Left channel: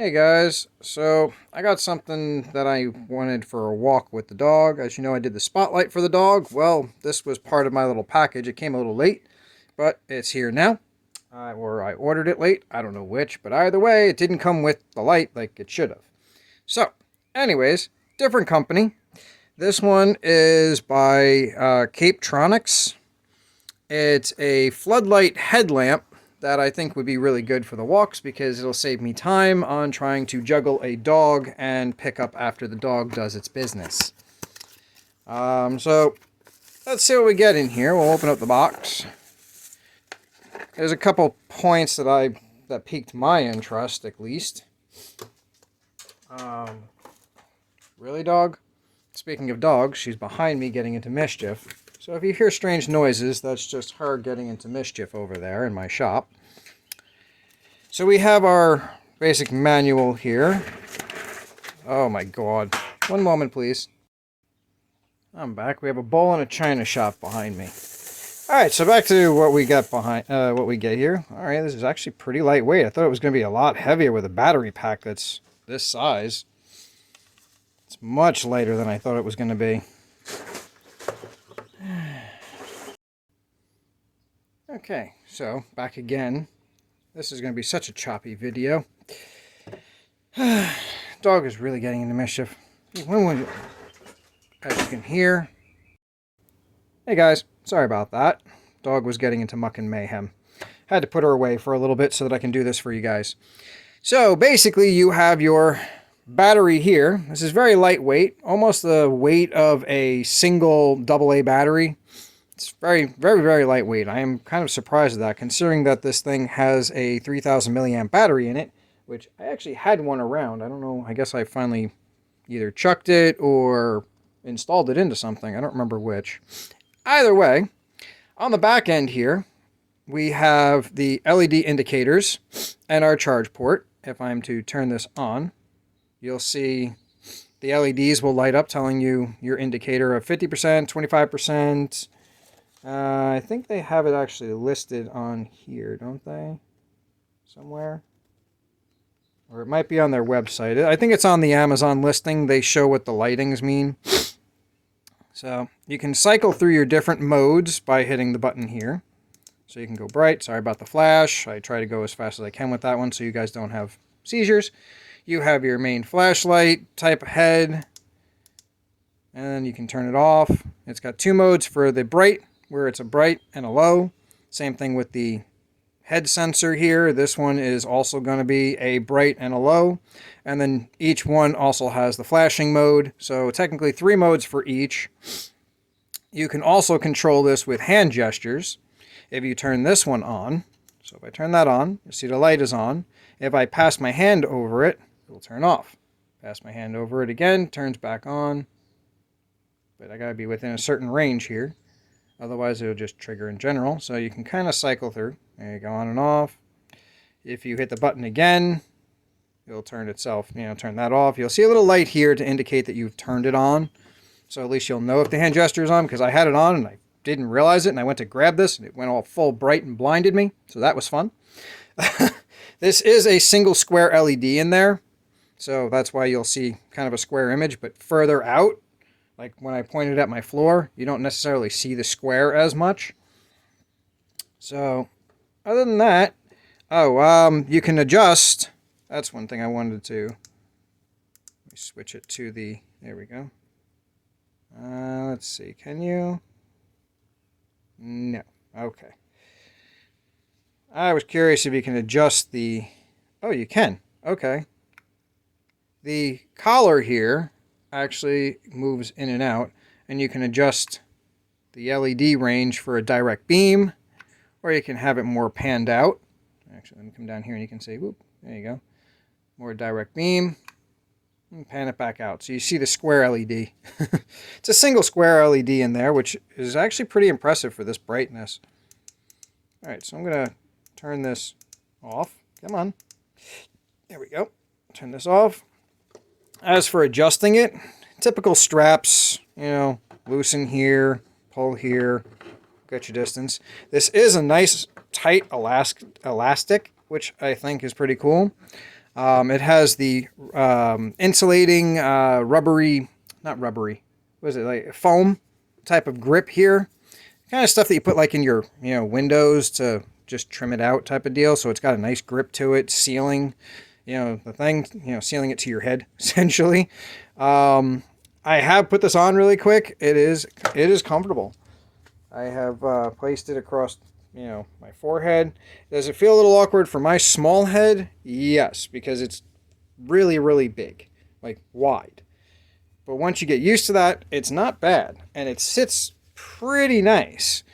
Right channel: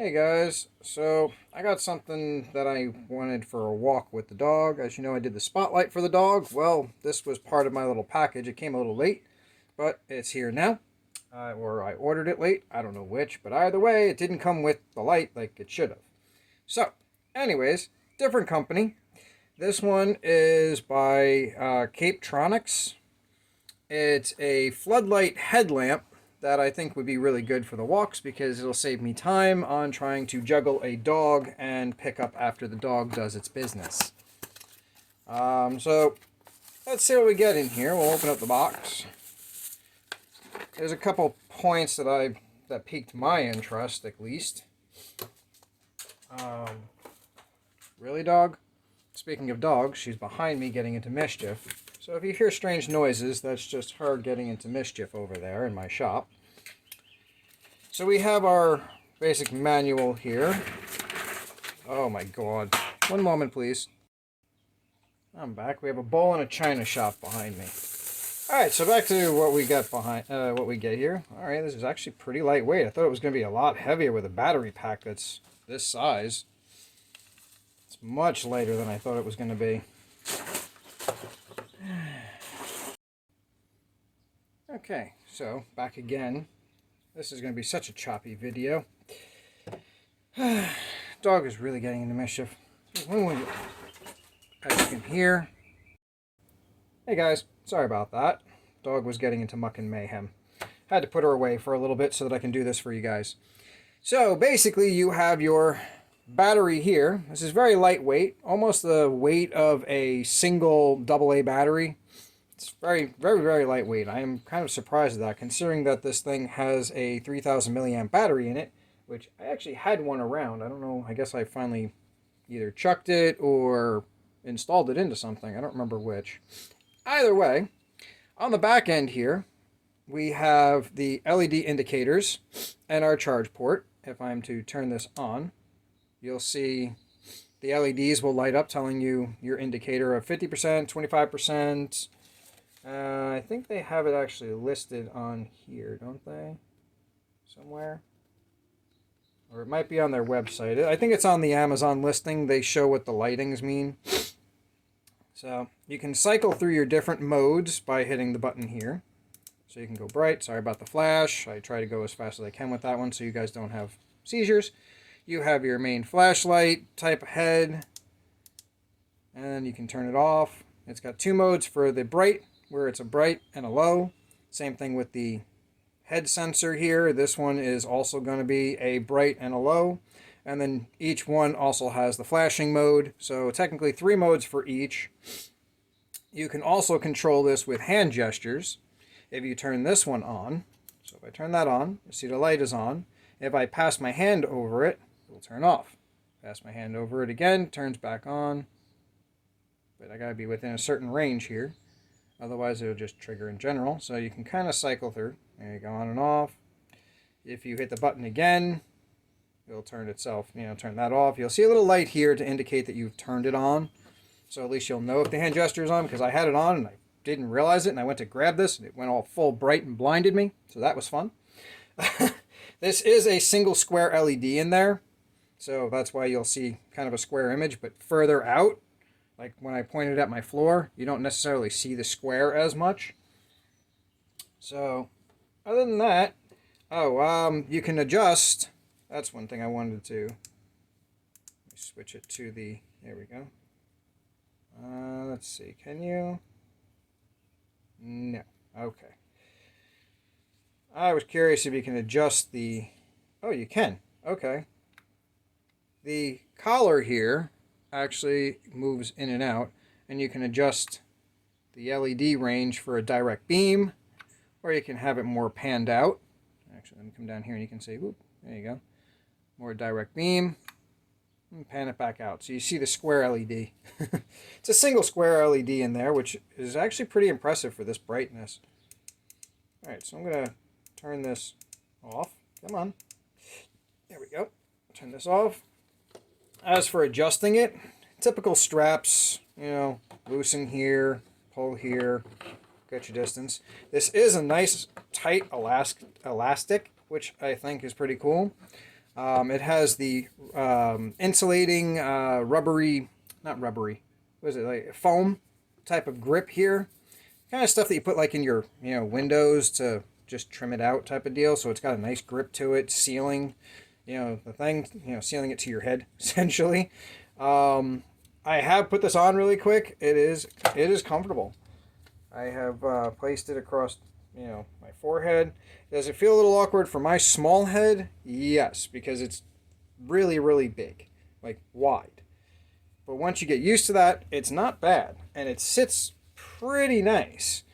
Hey guys, so I got something that I wanted for a walk with the dog. As you know, I did the spotlight for the dog. Well, this was part of my little package. It came a little late, but it's here now. Or I ordered it late. I don't know which, but either way, it didn't come with the light like it should have. So, anyways, different company. This one is by Capetronix. It's a floodlight headlamp that I think would be really good for the walks because it'll save me time on trying to juggle a dog and pick up after the dog does its business. So let's see what we get in here. We'll open up the box. There's a couple points that piqued my interest, at least. Really, dog? Speaking of dogs, she's behind me getting into mischief. So if you hear strange noises, that's just her getting into mischief over there in my shop. So we have our basic manual here. Oh my god. One moment, please. I'm back. We have a bowl and a china shop behind me. Alright, so back to what we got what we get here. Alright, this is actually pretty lightweight. I thought it was going to be a lot heavier with a battery pack that's this size. It's much lighter than I thought it was going to be. Okay, so back again. This is going to be such a choppy video. Dog is really getting into mischief. As you can hear. Hey guys, sorry about that. Dog was getting into muck and mayhem. Had to put her away for a little bit so that I can do this for you guys. So basically you have your battery here. This is very lightweight, almost the weight of a single AA battery. It's very, very, very lightweight. I am kind of surprised at that, considering that this thing has a 3000 milliamp battery in it, which I actually had one around. I don't know, I guess I finally either chucked it or installed it into something. I don't remember which. Either way, on the back end here, we have the LED indicators and our charge port. If I'm to turn this on, you'll see the LEDs will light up telling you your indicator of 50%, 25%. I think they have it actually listed on here, don't they? Somewhere? Or it might be on their website. I think it's on the Amazon listing. They show what the lightings mean. So you can cycle through your different modes by hitting the button here. So you can go bright. Sorry about the flash. I try to go as fast as I can with that one so you guys don't have seizures. You have your main flashlight type head. And then you can turn it off. It's got two modes for the bright, where it's a bright and a low. Same thing with the head sensor here. This one is also going to be a bright and a low. And then each one also has the flashing mode. So technically 3 modes for each. You can also control this with hand gestures. If you turn this one on, so if I turn that on, you see the light is on. If I pass my hand over it, it will turn off. Pass my hand over it again, turns back on. But I gotta be within a certain range here. Otherwise, it'll just trigger in general. So you can kind of cycle through. There you go, on and off. If you hit the button again, it'll turn itself, turn that off. You'll see a little light here to indicate that you've turned it on. So at least you'll know if the hand gesture is on, because I had it on and I didn't realize it. And I went to grab this and it went all full bright and blinded me. So that was fun. This is a single square LED in there. So that's why you'll see kind of a square image, but further out. Like when I pointed at my floor, you don't necessarily see the square as much. So, other than that, you can adjust. That's one thing I wanted to. Let me switch it to the. There we go. Let's see. Can you? No. Okay. I was curious if you can adjust the. Oh, you can. Okay. The collar here actually moves in and out, and you can adjust the LED range for a direct beam, or you can have it more panned out. Actually, let me come down here and you can see, whoop, there you go. More direct beam, and pan it back out. So you see the square LED. It's a single square LED in there, which is actually pretty impressive for this brightness. Alright, so I'm going to turn this off. Come on. There we go. Turn this off. As for adjusting it, typical straps, loosen here, pull here, get your distance. This is a nice tight elastic, which I think is pretty cool. It has the insulating rubbery, not rubbery, what is it, like foam type of grip here. Kind of stuff that you put like in your, windows to just trim it out type of deal. So it's got a nice grip to it, sealing, the thing, sealing it to your head essentially. I have put this on really quick. It is comfortable. I have placed it across, my forehead. Does it feel a little awkward for my small head? Yes, because it's really, really big, like wide. But once you get used to that, it's not bad, and it sits pretty nice.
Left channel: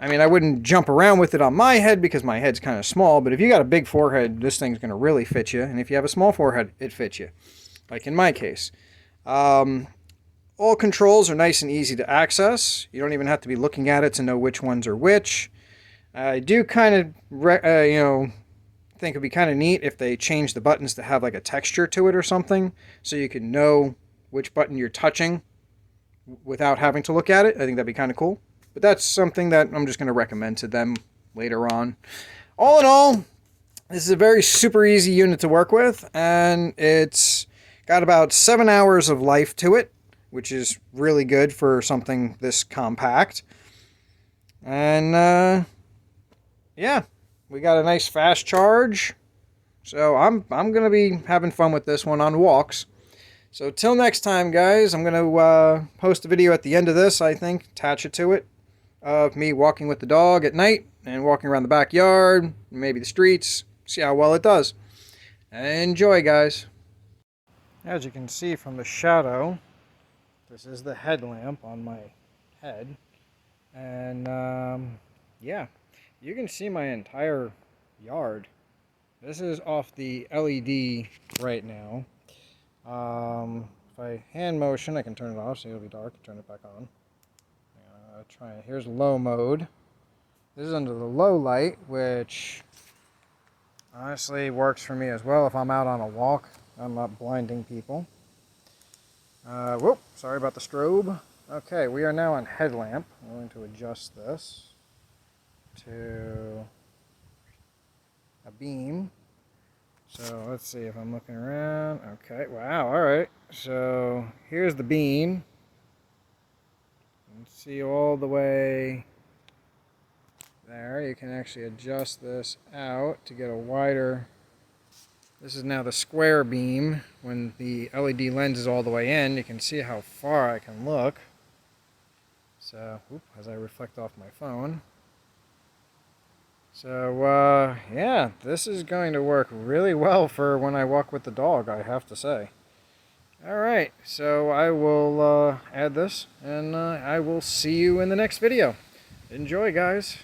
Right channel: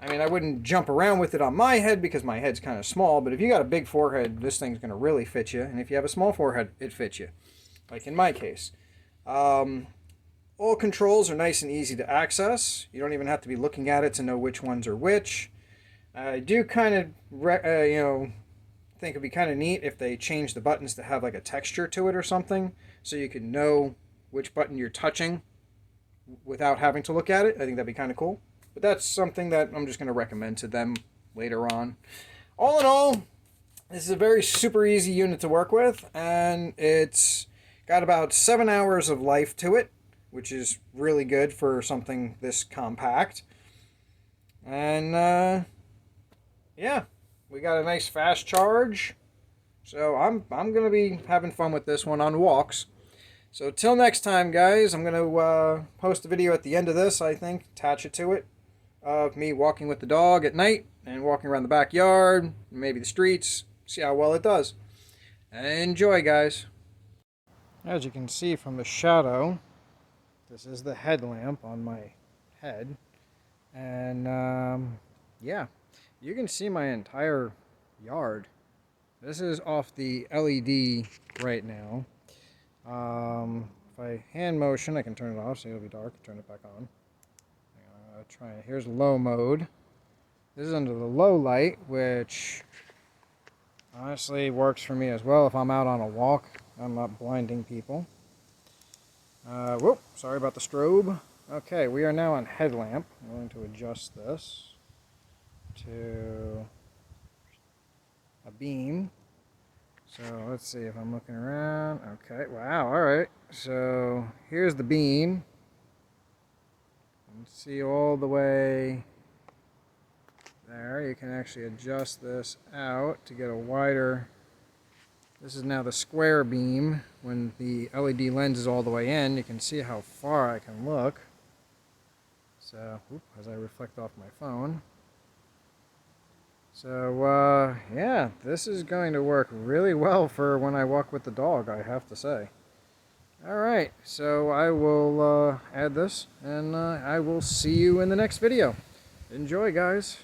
I mean, I wouldn't jump around with it on my head because my head's kind of small, but if you got a big forehead, this thing's going to really fit you, and if you have a small forehead, it fits you, like in my case. All controls are nice and easy to access. You don't even have to be looking at it to know which ones are which. I do kind of, think it'd be kind of neat if they change the buttons to have like a texture to it or something, so you can know which button you're touching without having to look at it. I think that'd be kind of cool. But that's something that I'm just going to recommend to them later on. All in all, this is a very super easy unit to work with, and it's got about 7 hours of life to it, which is really good for something this compact. And yeah, we got a nice fast charge. So I'm going to be having fun with this one on walks. So till next time, guys, I'm going to post a video at the end of this, I think, attach it to it, of me walking with the dog at night and walking around the backyard, maybe the streets, see how well it does. Enjoy, guys. As you can see from the shadow, this is the headlamp on my head. And yeah, you can see my entire yard. This is off the LED right now. If I hand motion, I can turn it off so it'll be dark. Turn it back on. Try it. Here's low mode. This is under the low light, which honestly works for me as well if I'm out on a walk. I'm not blinding people. Whoop, sorry about the strobe. Okay, we are now on headlamp. I'm going to adjust this to a beam. So let's see if I'm looking around. Okay, wow, alright. So here's the beam. You can see all the way there. You can actually adjust this out to get a wider. This is now the square beam. When the LED lens is all the way in, you can see how far I can look. So, as I reflect off my phone. So, yeah, this is going to work really well for when I walk with the dog, I have to say. Alright, so I will add this, and I will see you in the next video. Enjoy, guys.